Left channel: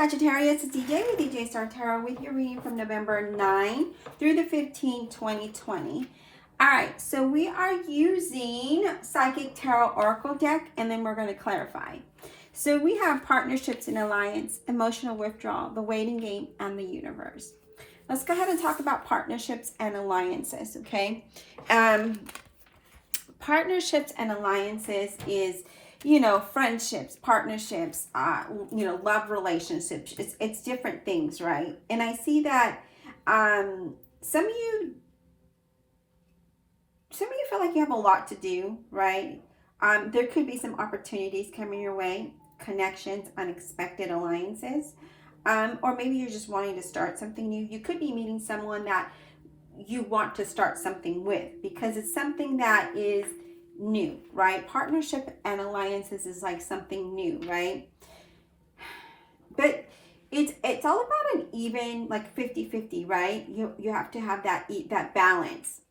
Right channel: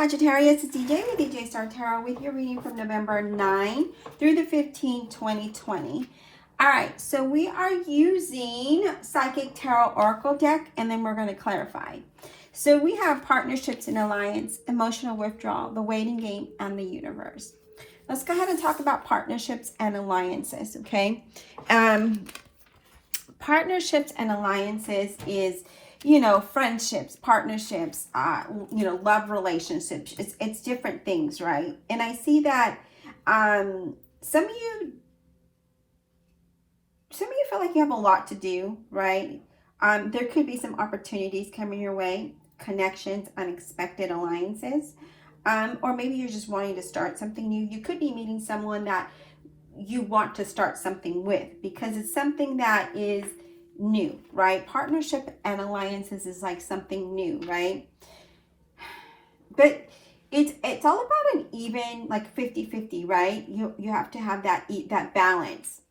Sagittarius, it's DJ with DJ Star Tarot with your reading from November 9 through the 15th, 2020. All right, so we are using Psychic Tarot Oracle deck, and then we're going to clarify. So we have partnerships and alliance, emotional withdrawal, the waiting game, and the universe. Let's go ahead and talk about partnerships and alliances, okay? Partnerships and alliances is, you know, friendships, partnerships, you know, love relationships. It's different things, right? And I see that some of you feel like you have a lot to do, right? There could be some opportunities coming your way, connections, unexpected alliances, or maybe you're just wanting to start something new. You could be meeting someone that you want to start something with because it's something that is new, right? Partnership and alliances is like something new, right? But it's all about an even, like 50-50, right? You have to have that balance.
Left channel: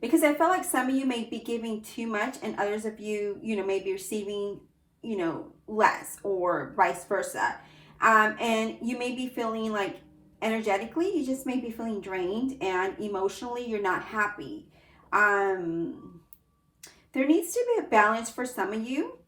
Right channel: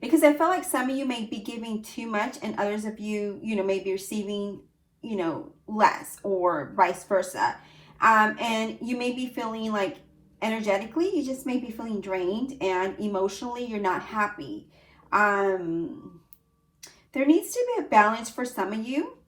Because I feel like some of you may be giving too much and others of you, you know, may be receiving, you know, less, or vice versa. And you may be feeling like energetically, you just may be feeling drained, and emotionally you're not happy. There needs to be a balance for some of you,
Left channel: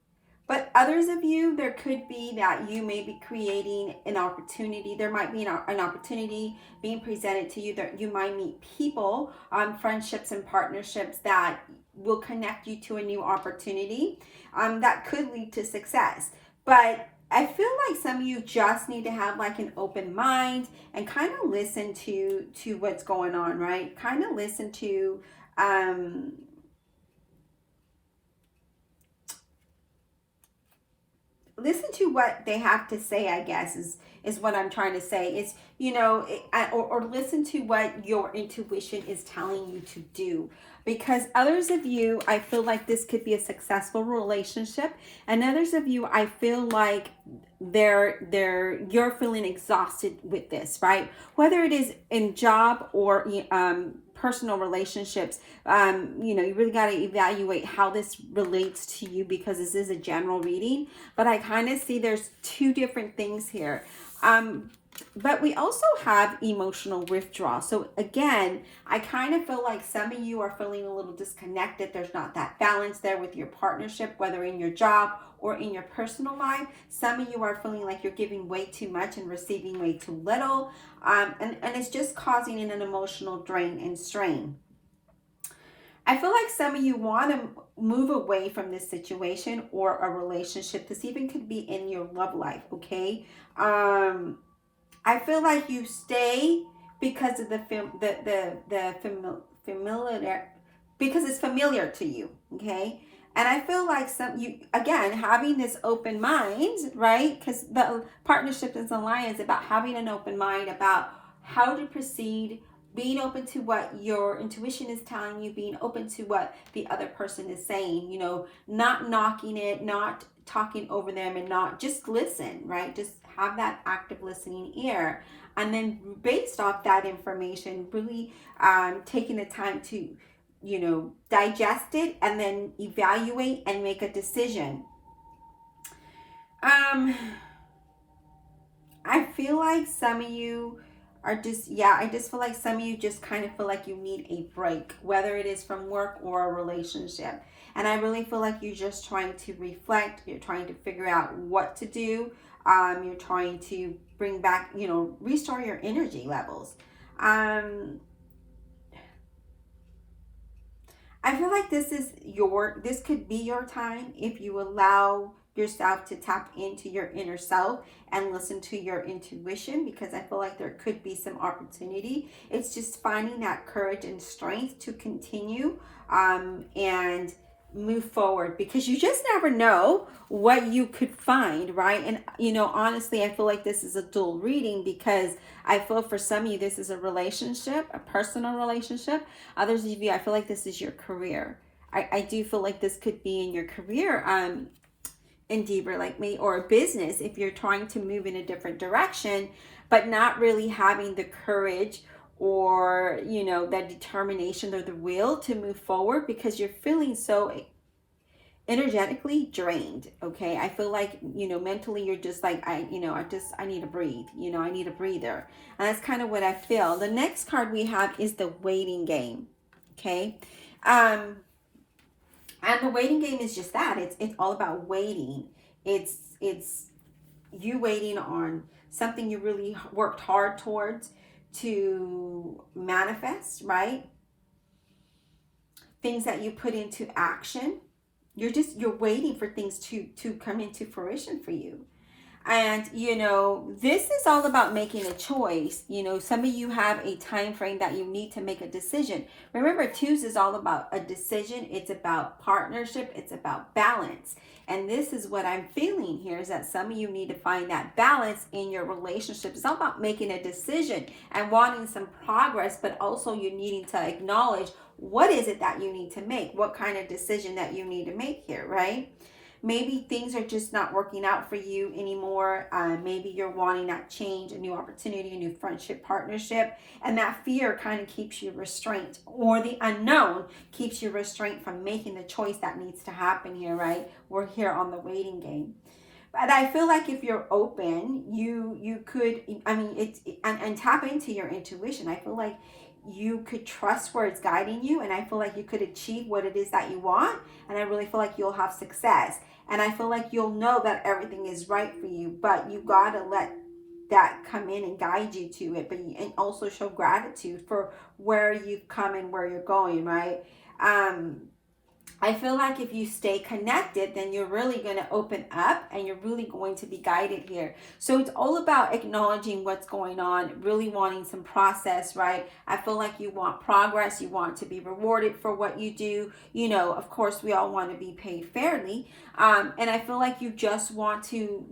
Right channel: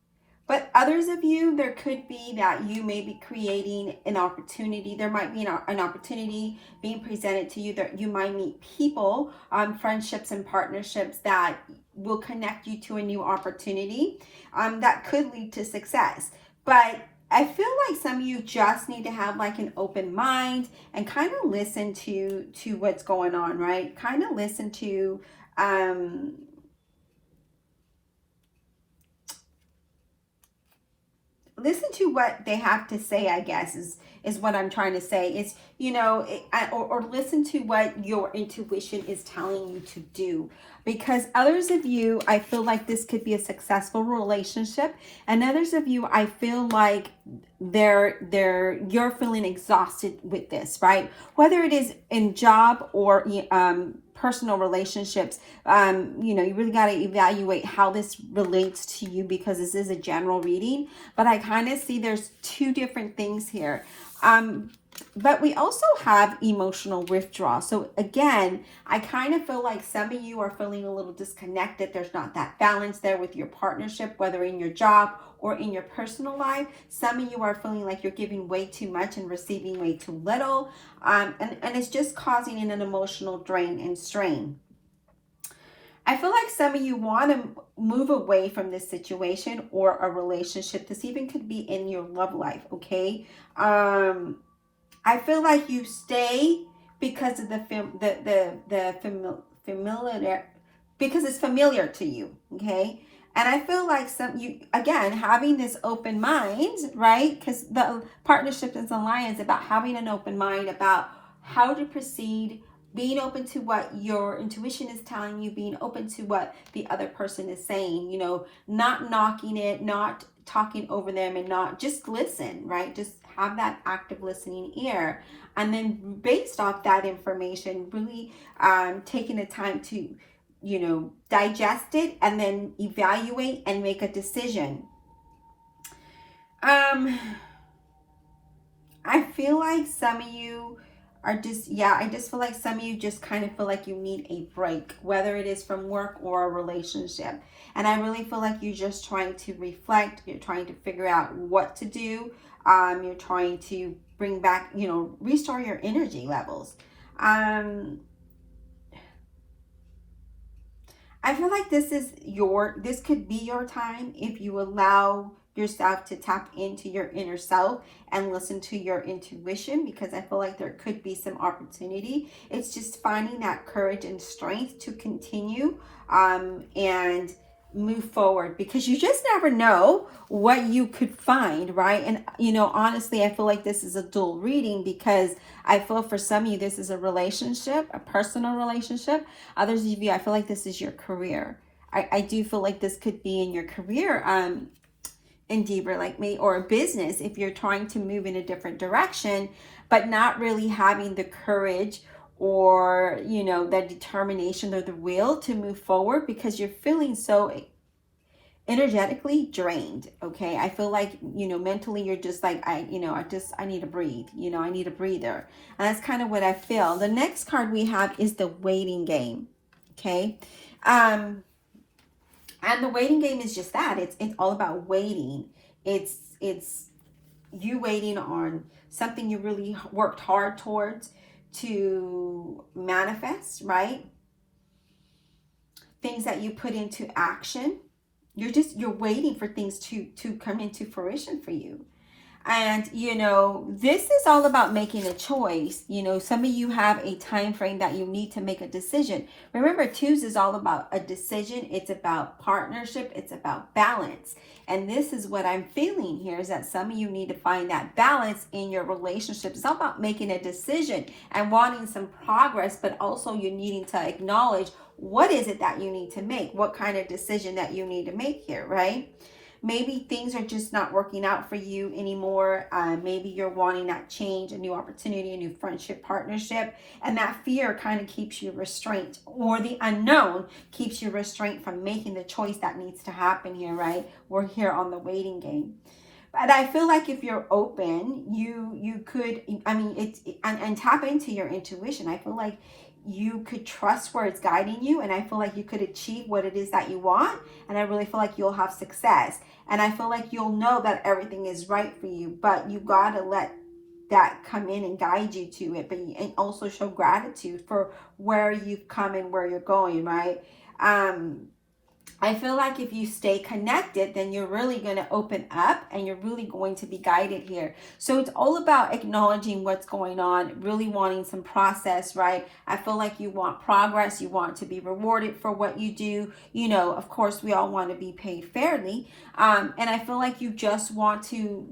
but others of you, there could be that you may be creating an opportunity. There might be an opportunity being presented to you that you might meet people, friendships and partnerships that will connect you to a new opportunity that could lead to success. But I feel like some of you just need to have like an open mind and kind of listen to what's going on, right? Kind of listen to what they have to say, I guess, is what I'm trying to say. It's, you know, or listen to what your intuition is telling you to do. Because others of you, I feel like this could be a successful relationship. And others of you, I feel like you're feeling exhausted with this, right? Whether it is in job or personal relationships, you know, you really got to evaluate how this relates to you, because this is a general reading. But I kind of see there's two different things here. But we also have emotional withdrawal. So again, I kind of feel like some of you are feeling a little disconnected. There's not that balance there with your partnership, whether in your job or in your personal life. Some of you are feeling like you're giving way too much and receiving way too little. And it's just causing an emotional drain and strain. I feel like some of you want to move away from this situation or a relationship. This even could be in your love life, okay? I feel like you stay because of familiar, because it's familiar to you, okay? And I feel like again, having this open mind, right? Because the partnership is alliance about having an open mind about how to proceed, being open to what your intuition is telling you, being open to what the other person is saying, you know, not knocking it, not talking over them, and not just listen, right? Just have that active listening ear. And then based off that information, really taking the time to, you know, digest it and then evaluate and make a decision. I feel like some of you are just, I just feel like some of you just kind of feel like you need a break, whether it is from work or a relationship. And I really feel like you're just trying to reflect. You're trying to figure out what to do. You're trying to bring back, you know, restore your energy levels. I feel like this could be your time if you allow yourself to tap into your inner self and listen to your intuition, because I feel like there could be some opportunity. It's just finding that courage and strength to continue and move forward, because you just never know what you could find, right? And you know, honestly, I feel like this is a dual reading, because I feel for some of you this is a relationship, a personal relationship. Others of you, I feel like this is your career. I do feel like this could be in your career endeavor, like me, or a business if you're trying to move in a different direction, but not really having the courage or, you know, the determination or the will to move forward, because you're feeling so energetically drained. Okay, I feel like, you know, mentally you're just like, I need to breathe, you know, I need a breather. And that's kind of what I feel. The next card we have is the waiting game. Okay, and the waiting game is just that. It's all about waiting. It's you waiting on something you really worked hard towards to manifest, right? Things that you put into action. You're waiting for things to come into fruition for you. And, you know, this is all about making a choice. You know, some of you have a time frame that you need to make a decision. Remember, twos is all about a decision. It's about partnership. It's about balance. And this is what I'm feeling here, is that some of you need to find that balance in your relationship. It's all about making a decision and wanting some progress, but also you needing to acknowledge what is it that you need to make, what kind of decision that you need to make here, right? Maybe things are just not working out for you anymore. Maybe you're wanting that change, a new opportunity, a new friendship, partnership, and that fear kind of keeps you restrained, or the unknown keeps you restrained from making the choice that needs to happen here, right? We're here on the waiting game. But I feel like if you're open, you could, I mean, and tap into your intuition. I feel like you could trust where it's guiding you, and I feel like you could achieve what it is that you want, and I really feel like you'll have success, and I feel like you'll know that everything is right for you, but you gotta let that come in and guide you to it, and also show gratitude for where you've come and where you're going, right? I feel like if you stay connected, then you're really going to open up and you're really going to be guided here. So it's all about acknowledging what's going on, really wanting some process, right? I feel like you want progress. You want to be rewarded for what you do. You know, of course, we all want to be paid fairly. And I feel like you just want to,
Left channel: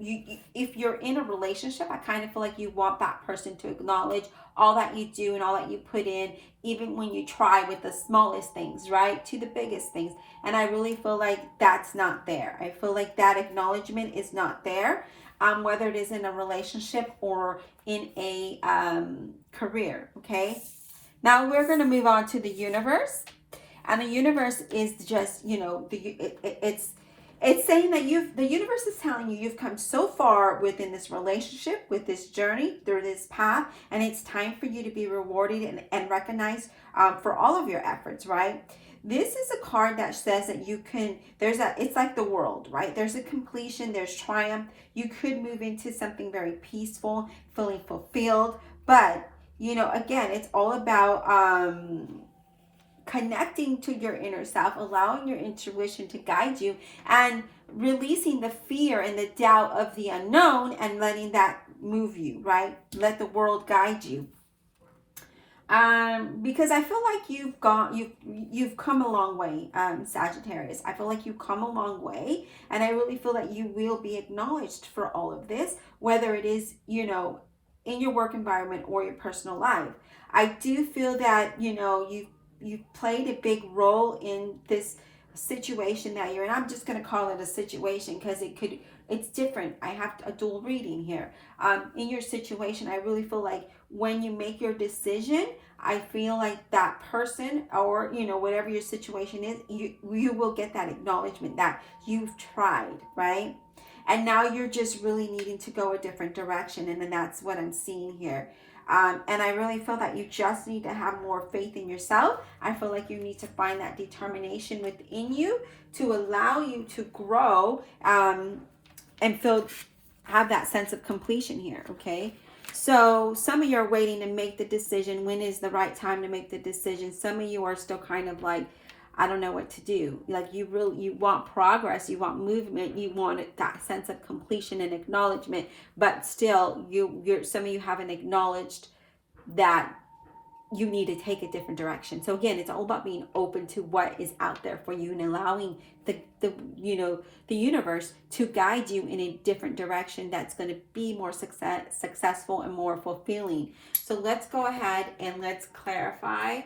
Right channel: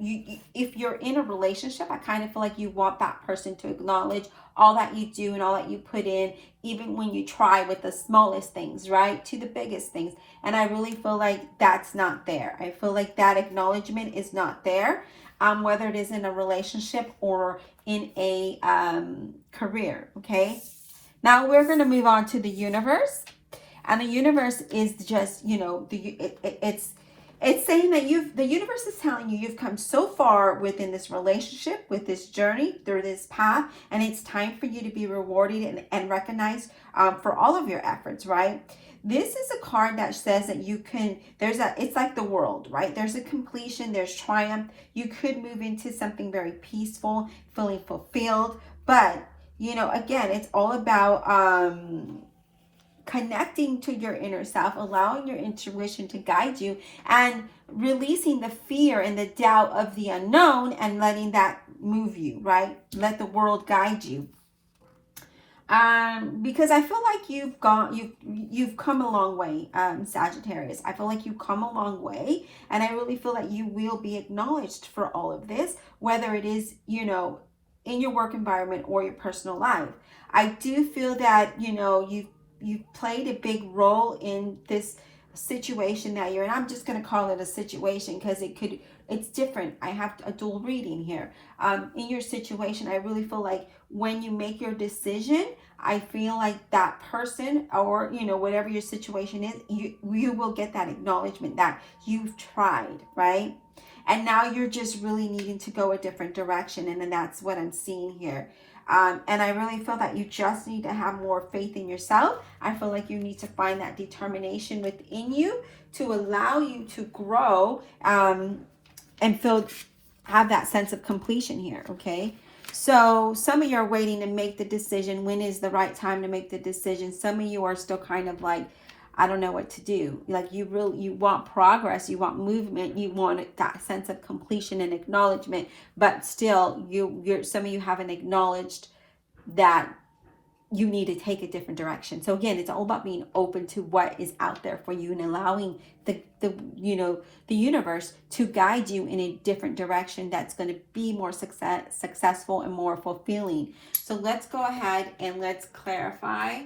if you're in a relationship, I kind of feel like you want that person to acknowledge all that you do and all that you put in, even when you try with the smallest things, right, to the biggest things. And I really feel like that's not there. I feel like that acknowledgement is not there, whether it is in a relationship or in a career. Okay, now we're going to move on to the universe. And the universe is just, you know, it's saying that the universe is telling you you've come so far within this relationship, with this journey, through this path, and it's time for you to be rewarded and recognized for all of your efforts, right? This is a card that says that you can, it's like the world, right? There's a completion, there's triumph. You could move into something very peaceful, feeling fulfilled, but, you know, again, it's all about, connecting to your inner self, allowing your intuition to guide you, and releasing the fear and the doubt of the unknown and letting that move you, right? Let the world guide you. Because I feel like you've come a long way, Sagittarius. I feel like you've come a long way, and I really feel like you will be acknowledged for all of this, whether it is, you know, in your work environment or your personal life. I do feel that, you know, you've played a big role in this situation that you're in. I'm just going to call it a situation because it's different. I have a dual reading here. In your situation, I really feel like when you make your decision, I feel like that person, or, you know, whatever your situation is, you will get that acknowledgement that you've tried, right? And now you're just really needing to go a different direction. And then that's what I'm seeing here. And I really feel that you just need to have more faith in yourself. I feel like you need to find that determination within you to allow you to grow, and have that sense of completion here, okay? So some of you are waiting to make the decision. When is the right time to make the decision? Some of you are still kind of like, I don't know what to do. Like you want progress, you want movement, you want that sense of completion and acknowledgement, but still some of you haven't acknowledged that you need to take a different direction. So again, it's all about being open to what is out there for you and allowing the universe to guide you in a different direction that's going to be more successful and more fulfilling. So let's go ahead and let's clarify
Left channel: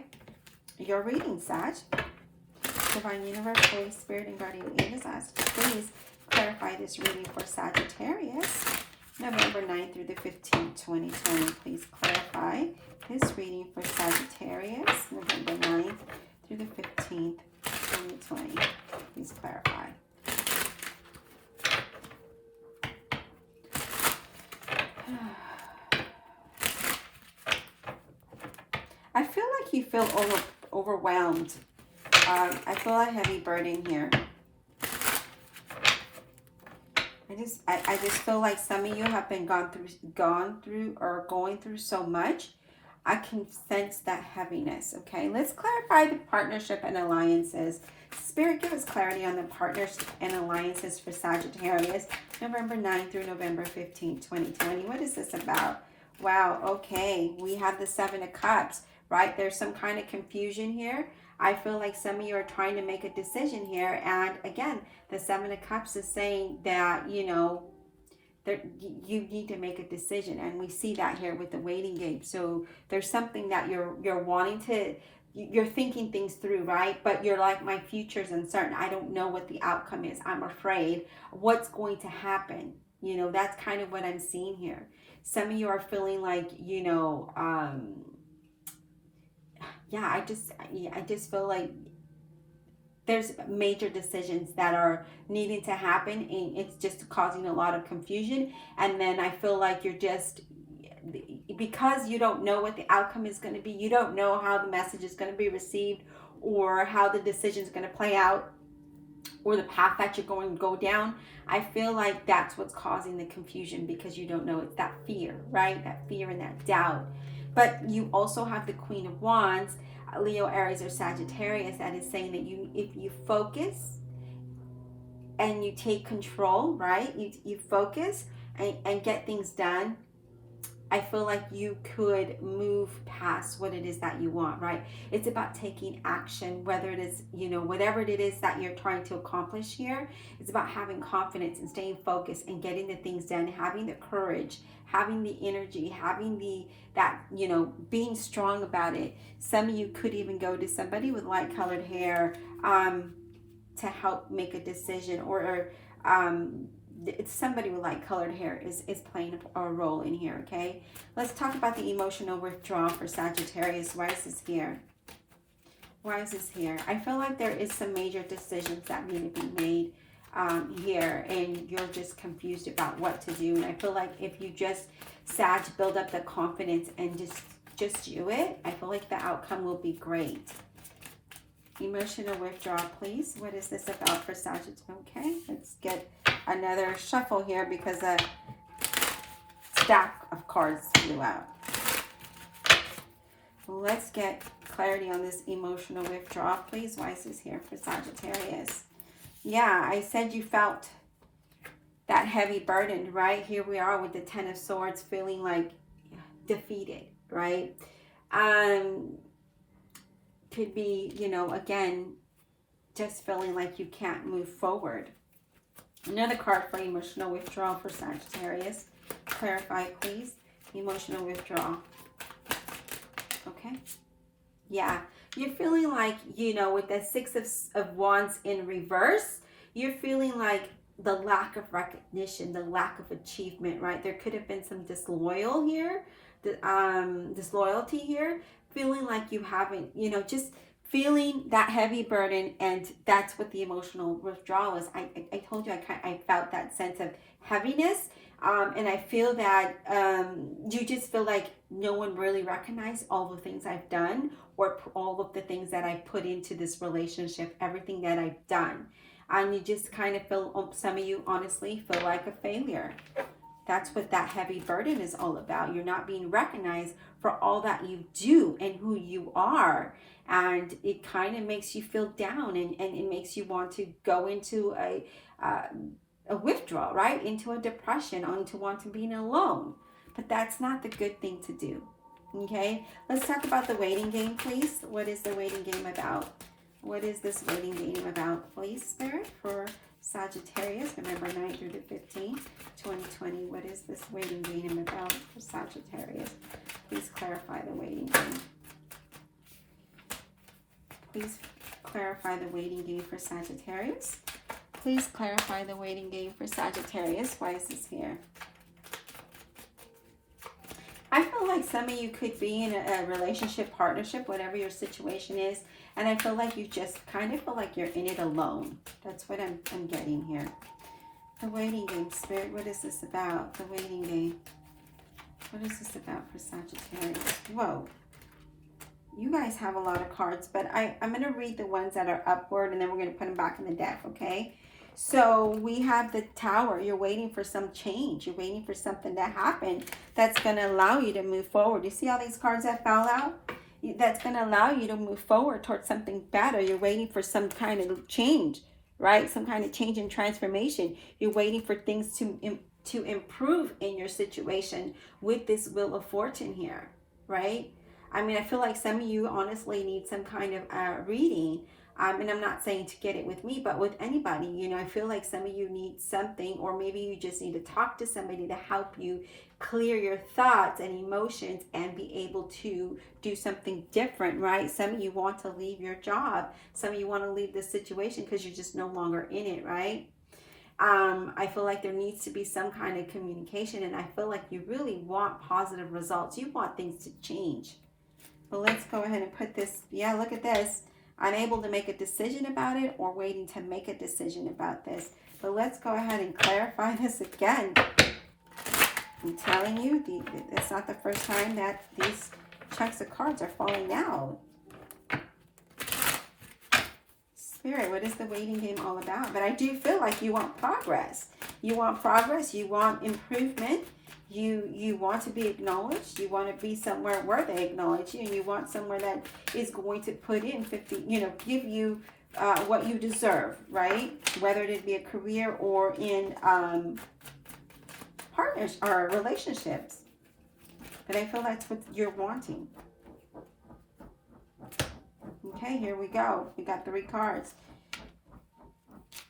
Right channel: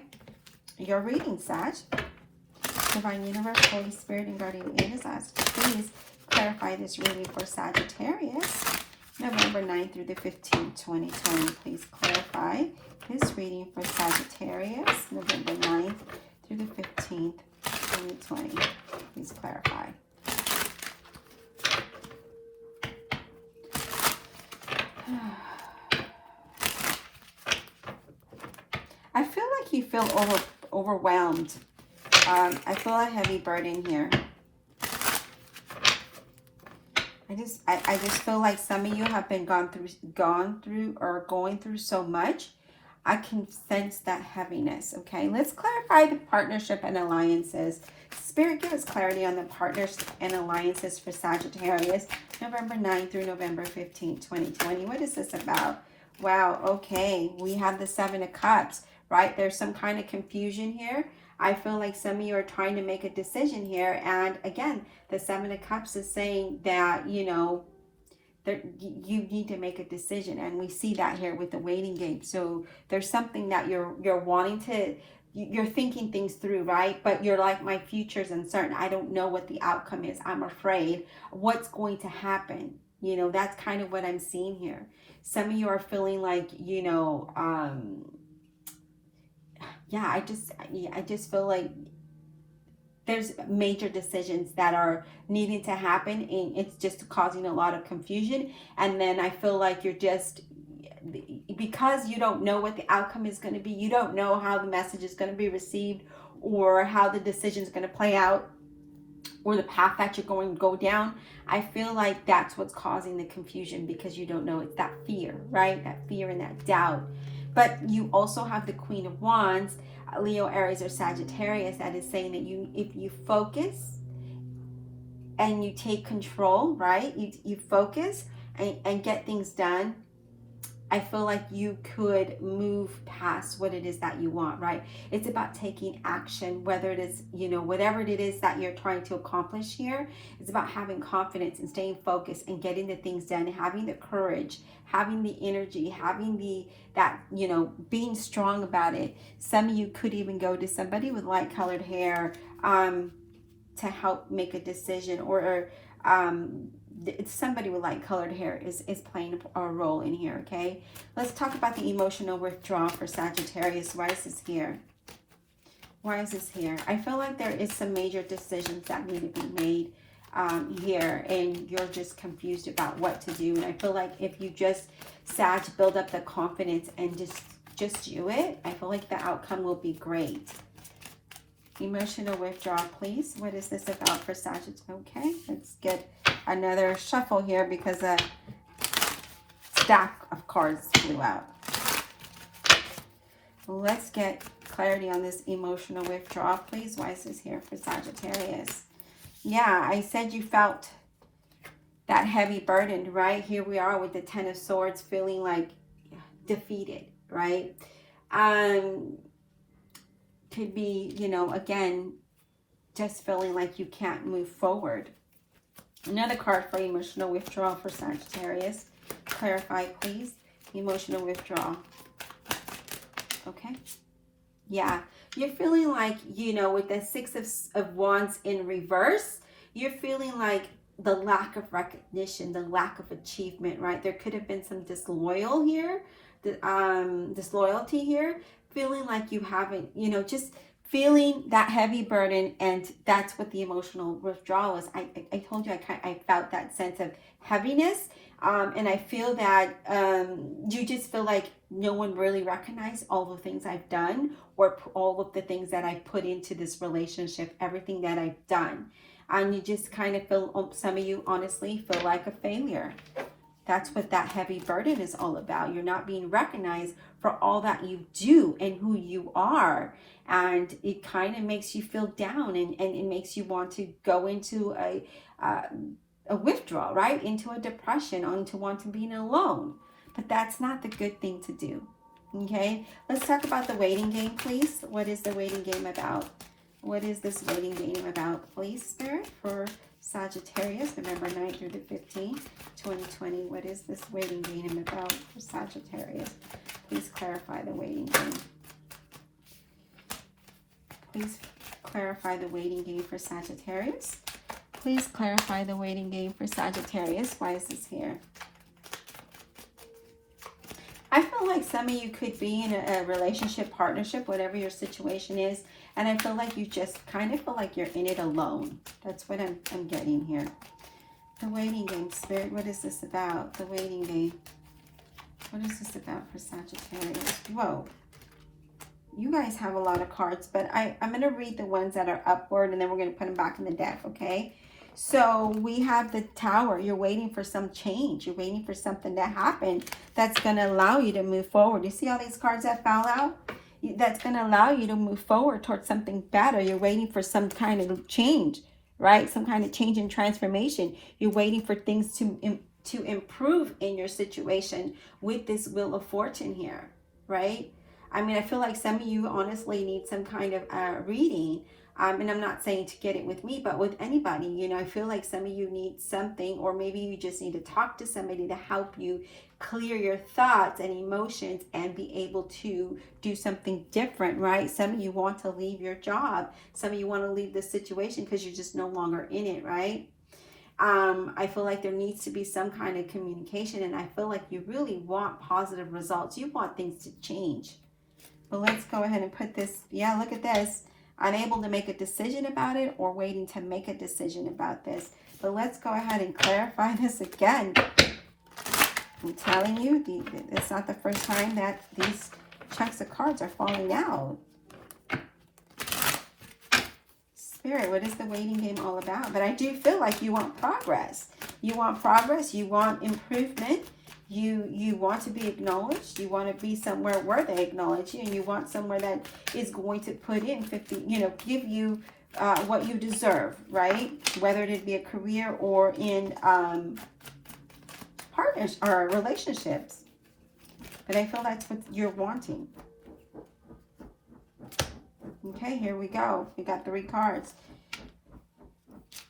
your reading, Sag. Divine Universe, Holy Spirit, and Guardian Angels, please clarify this reading for Sagittarius, November 9th through the 15th, 2020. Please clarify this reading for Sagittarius, November 9th through the 15th, 2020. Please clarify. I feel like you feel overwhelmed. I feel a heavy burden here. I just feel like some of you have been going through so much. I can sense that heaviness. Okay, let's clarify the partnership and alliances. Spirit, give us clarity on the partners and alliances for Sagittarius, November 9th through November 15th, 2020. What is this about? Wow, okay, we have the Seven of Cups, right? There's some kind of confusion here. I feel like some of you are trying to make a decision here. And again, the Seven of Cups is saying that, you know, you need to make a decision. And we see that here with the waiting game. So there's something that you're wanting to, you're thinking things through, right? But you're like, my future's uncertain. I don't know what the outcome is. I'm afraid what's going to happen. You know, that's kind of what I'm seeing here. Some of you are feeling like, you know, yeah, I just feel like there's major decisions that are needing to happen, and it's just causing a lot of confusion. And then I feel like you're just, because you don't know what the outcome is going to be, you don't know how the message is going to be received, or how the decision is going to play out, or the path that you're going to go down. I feel like that's what's causing the confusion, because you don't know. It's that fear, right? That fear and that doubt. But you also have the Queen of Wands, Leo, Aries, or Sagittarius, that is saying that if you focus and you take control, right? You focus and get things done. I feel like you could move past what it is that you want, right? It's about taking action, whether it is, you know, whatever it is that you're trying to accomplish here. It's about having confidence and staying focused and getting the things done, having the courage, having the energy, having that, you know, being strong about it. Some of you could even go to somebody with light colored hair to help make a decision, or somebody with light colored hair is playing a role in here. Okay, let's talk about the emotional withdrawal for Sagittarius. Why is this here? Why is this here? I feel like there is some major decisions that need to be made here, and you're just confused about what to do. And I feel like if you just build up the confidence and just do it, I feel like the outcome will be great. Emotional withdrawal, please. What is this about for Sagittarius? Okay, let's get another shuffle here, because a stack of cards flew out. Let's get clarity on this emotional withdrawal, please. Why is this here for Sagittarius? Yeah, I said you felt that heavy burden, right? Here we are with the Ten of Swords, feeling like defeated, right? Could be, you know, again, just feeling like you can't move forward. Another card for emotional withdrawal for Sagittarius. Clarify, please. Emotional withdrawal. Okay. Yeah. You're feeling like, you know, with the Six of Wands in reverse, you're feeling like the lack of recognition, the lack of achievement, right? There could have been some disloyalty here. Feeling like you haven't, you know, just feeling that heavy burden, and that's what the emotional withdrawal is. I told you I felt that sense of heaviness, and I feel that you just feel like no one really recognized all the things I've done, or all of the things that I put into this relationship, everything that I've done, and you just kind of feel, some of you honestly feel like a failure. That's what that heavy burden is all about. You're not being recognized for all that you do and who you are. And it kind of makes you feel down, and it makes you want to go into a withdrawal, right? Into a depression, into wanting to be alone. But that's not the good thing to do. Okay? Let's talk about the waiting game, please. What is the waiting game about? What is this waiting game about, please, Spirit, for Sagittarius, November 9th through the 15th, 2020. What is this waiting game about for Sagittarius? Please clarify the waiting game. Please clarify the waiting game for Sagittarius. Please clarify the waiting game for Sagittarius. Why is this here? I feel like some of you could be in a relationship, partnership, whatever your situation is. And I feel like you just kind of feel like you're in it alone. That's what I'm getting here. The waiting game, Spirit. What is this about? The waiting game. What is this about for Sagittarius? Whoa. You guys have a lot of cards, but I'm going to read the ones that are upward, and then we're going to put them back in the deck, okay? So we have the Tower. You're waiting for some change. You're waiting for something to happen that's going to allow you to move forward. You see all these cards that fell out? That's going to allow you to move forward towards something better. You're waiting for some kind of change, right? Some kind of change and transformation. You're waiting for things to improve in your situation with this Wheel of Fortune here, right? I mean, I feel like some of you honestly need some kind of reading. And I'm not saying to get it with me, but with anybody, you know, I feel like some of you need something, or maybe you just need to talk to somebody to help you clear your thoughts and emotions and be able to do something different, right? Some of you want to leave your job. Some of you want to leave this situation because you're just no longer in it, right? I feel like there needs to be some kind of communication, and I feel like you really want positive results. You want things to change. But let's go ahead and put this, yeah, look at this. Unable to make a decision about it, or waiting to make a decision about this. But let's go ahead and clarify this again. I'm telling you, it's not the first time that these checks of cards are falling out. Spirit, what is the waiting game all about? But I do feel like you want progress. You want progress. You want improvement. You want to be acknowledged. You want to be somewhere where they acknowledge you, and you want somewhere that is going to put in 50, you know, give you what you deserve, right? Whether it be a career or in partners or relationships. But I feel that's what you're wanting. Okay, here we go. We got 3 cards.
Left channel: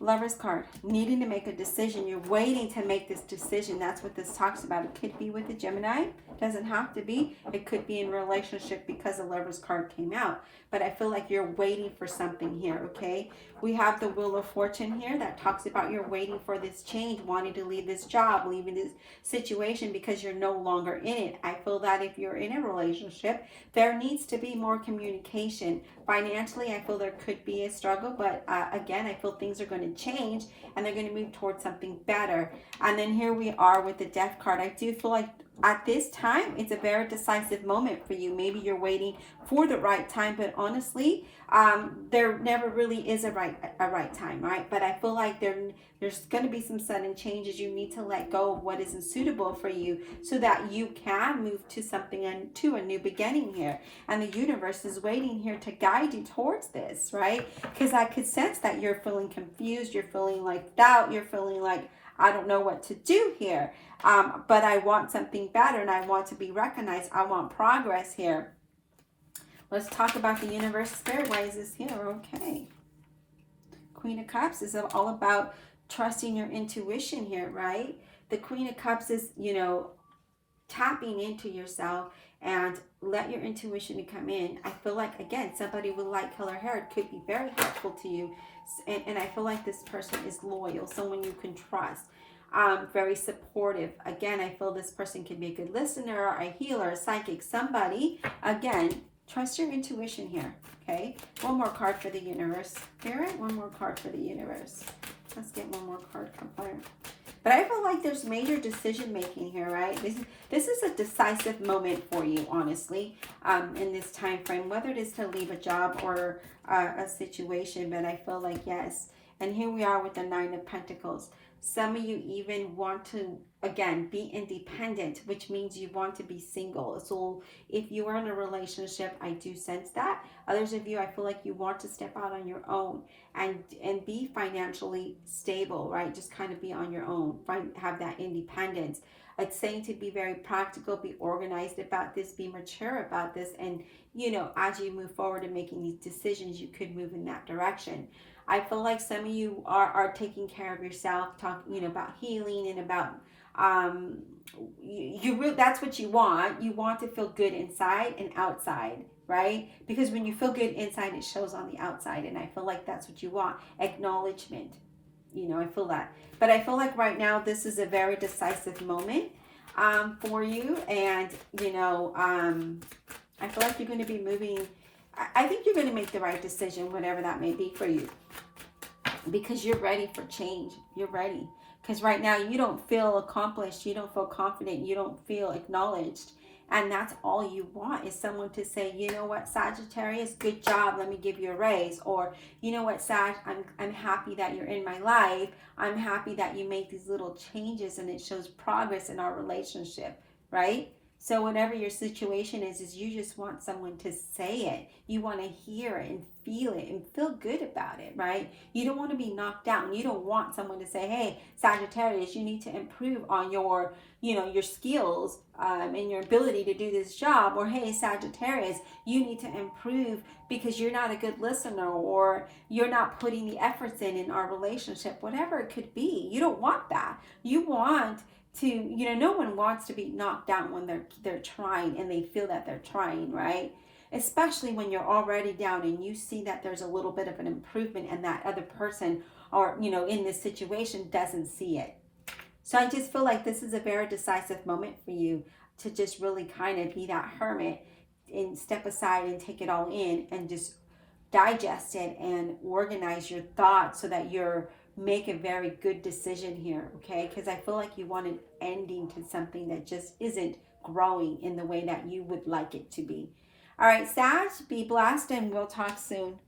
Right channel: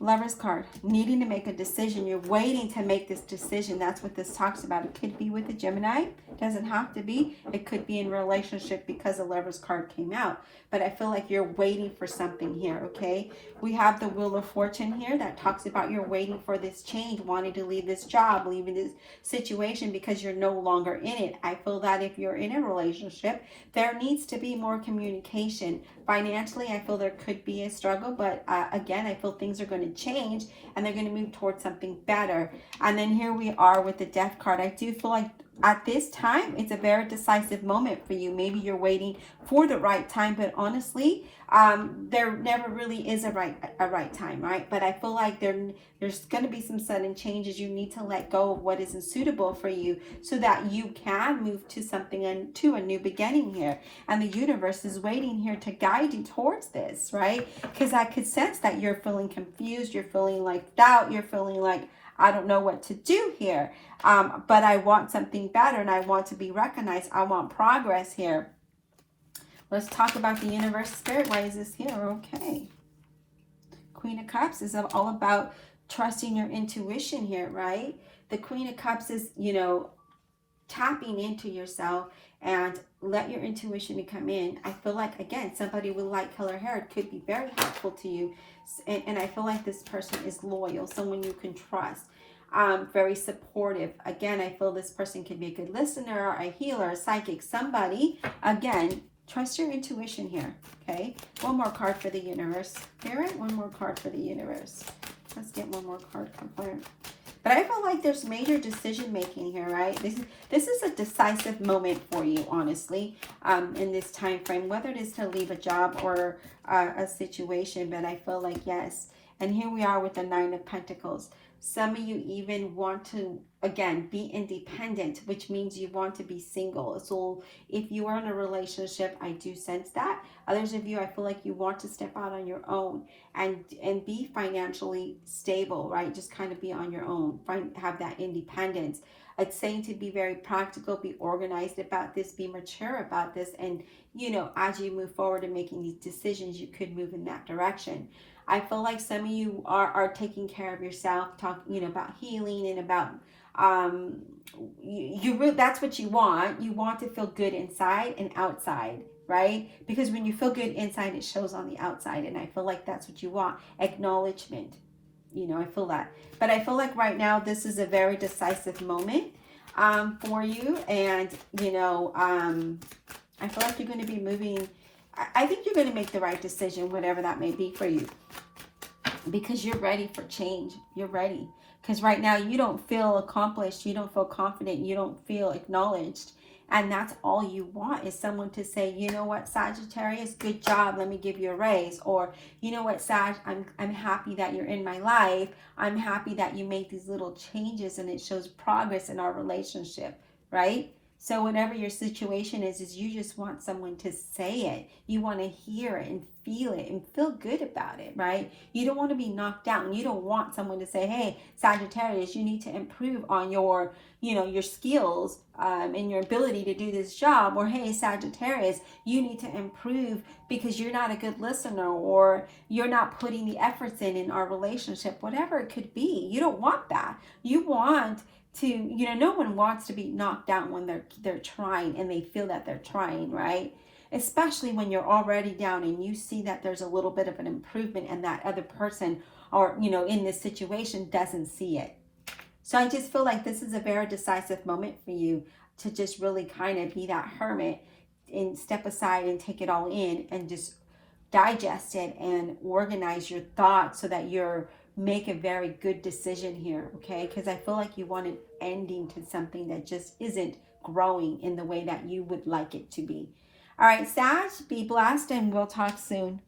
Lover's card, needing to make a decision. You're waiting to make this decision. That's what this talks about. It could be with a Gemini. It doesn't have to be. It could be in relationship because the Lover's card came out. But I feel like you're waiting for something here, okay? We have the Wheel of Fortune here that talks about you're waiting for this change, wanting to leave this job, leaving this situation because you're no longer in it. I feel that if you're in a relationship, there needs to be more communication. Financially, I feel there could be a struggle, but again, I feel things are going to change and they're going to move towards something better. And then here we are with the Death card. I do feel like at this time, it's a very decisive moment for you. Maybe you're waiting for the right time, but honestly, there never really is a right time, right? But I feel like there's going to be some sudden changes. You need to let go of what isn't suitable for you so that you can move to something and to a new beginning here. And the universe is waiting here to guide you towards this, right? Because I could sense that you're feeling confused. You're feeling like doubt. You're feeling like, I don't know what to do here. But I want something better and I want to be recognized. I want progress here. Let's talk about the universe. Spirit, why is this here? Okay. Queen of Cups is all about trusting your intuition here, right? The Queen of Cups is, you know, tapping into yourself and let your intuition come in. I feel like, again, somebody with light color hair could be very helpful to you. And I feel like this person is loyal, someone you can trust. Very supportive. Again, I feel this person could be a good listener, a healer, a psychic, somebody. Again, trust your intuition here, okay? One more card for the universe. Spirit, one more card for the universe. Let's get one more card confirmed. But I feel like there's major decision making here, right? This is a decisive moment for you, honestly, in this time frame, whether it is to leave a job or a situation. But I feel like, yes. And here we are with the 9 of Pentacles. Some of you even want to, again, be independent, which means you want to be single. So if you are in a relationship, I do sense that. Others of you, I feel like you want to step out on your own and be financially stable, right? Just kind of be on your own, have that independence. It's saying to be very practical, be organized about this, be mature about this. And, you know, as you move forward and making these decisions, you could move in that direction. I feel like some of you are taking care of yourself, talking, you know, about healing and about, that's what you want. You want to feel good inside and outside, right? Because when you feel good inside, it shows on the outside. And I feel like that's what you want. Acknowledgement. You know, I feel that. But I feel like right now, this is a very decisive moment for you. And, you know, I feel like you're going to be moving. I think you're going to make the right decision, whatever that may be for you. Because you're ready for change. You're ready. Because right now you don't feel accomplished, you don't feel confident, you don't feel acknowledged. And that's all you want is someone to say, you know what, Sagittarius, good job, let me give you a raise. Or, you know what, Sag, I'm happy that you're in my life. I'm happy that you made these little changes and it shows progress in our relationship, right? So whatever your situation is you just want someone to say it. You want to hear it and feel good about it, right? You don't want to be knocked down. You don't want someone to say, hey, Sagittarius, you need to improve on your, your skills and your ability to do this job. Or, hey, Sagittarius, you need to improve because you're not a good listener, or you're not putting the efforts in our relationship, whatever it could be. You don't want that. You want to, no one wants to be knocked down when they're trying and they feel that they're trying, right? Especially when you're already down and you see that there's a little bit of an improvement and that other person, or in this situation, doesn't see it. So I just feel like this is a very decisive moment for you to just really kind of be that hermit and step aside and take it all in and just digest it and organize your thoughts so that you're make a very good decision here, okay? Because I feel like you want an ending to something that just isn't growing in the way that you would like it to be. All right, Sag, be blessed, and we'll talk soon.